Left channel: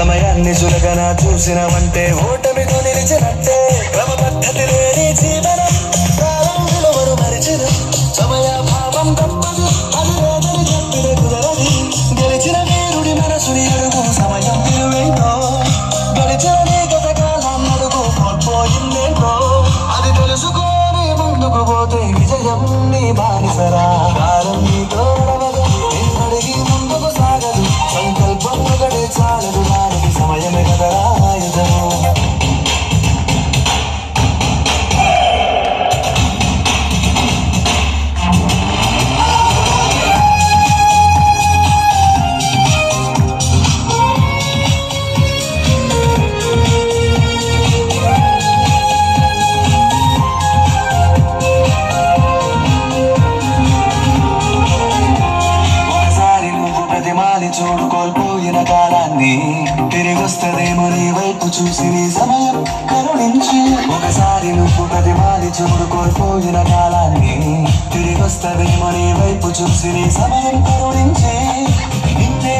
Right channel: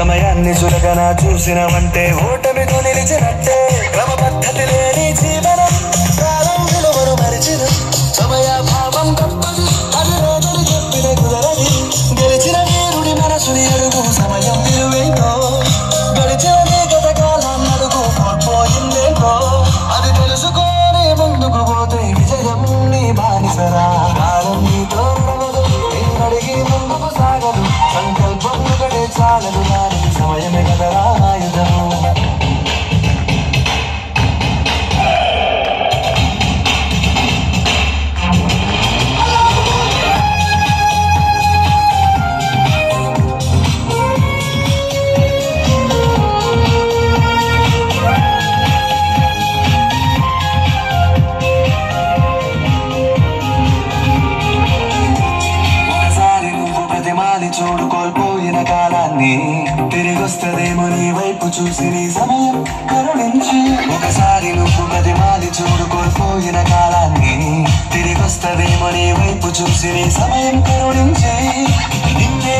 సమయాన్ని చులకన చూసినవంటే ఓటమితో నిలిచినట్టే. క్రమ పద్ధతి లేని జీవనం కాలం విలువను మరిచిన సమయ భావం గొప్పది అది లేదని చెప్పిన కుదరది. గెలిచిన వీరుడి మనసుని ఎరుగు సమయం విలువేంటో గడిచిన గత కాలం అడుగు కోల్పోయిందేంటో అది తెలుసుకొని ముందుకు పోతే విజయం నీ బానిసరా. కాలం నీతో నడవదు ఎన్నడిగి ముందుకు సాగదు సంకల్పం ఒకటే చాలదు దానికి సమయమే కదరా ఆయుధము. చూడు కోల్పోయిన కాలాన్ని తిరిగొస్తదేమో నీ వైపు చూసి నీ సమయం కరుణించి. ఒకసారి నువ్వు ప్రతిమాలి చూడు కోల్పోయిన కాలాన్ని తిరిగొస్తదేమో నీ వైపు చూసి నీ సమయం కరుణించి. నిన్నే